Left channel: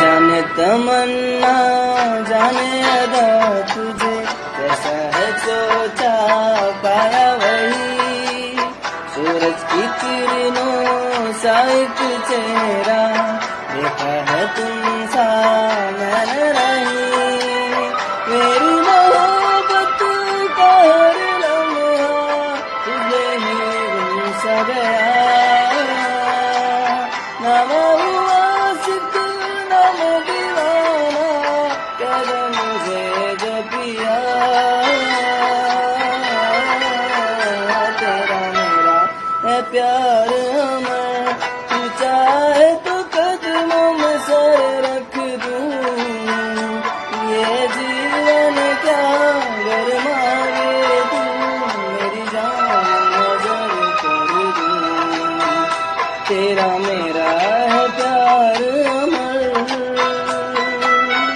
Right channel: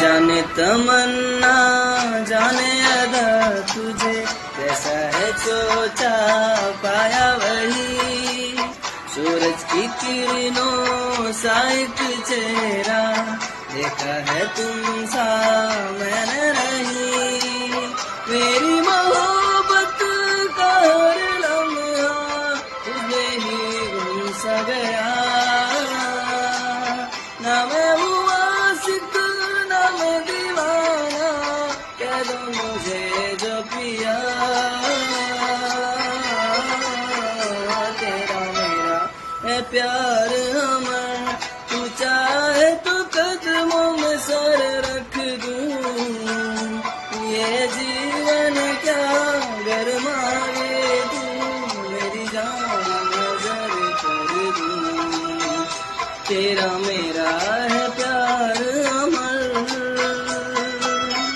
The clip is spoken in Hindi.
जाने तमन्ना जाने अदा तुझे कैसा है सोचा पाया वही सूरज की किरणों सा एक चेहरा देखा है तुम सा मैंने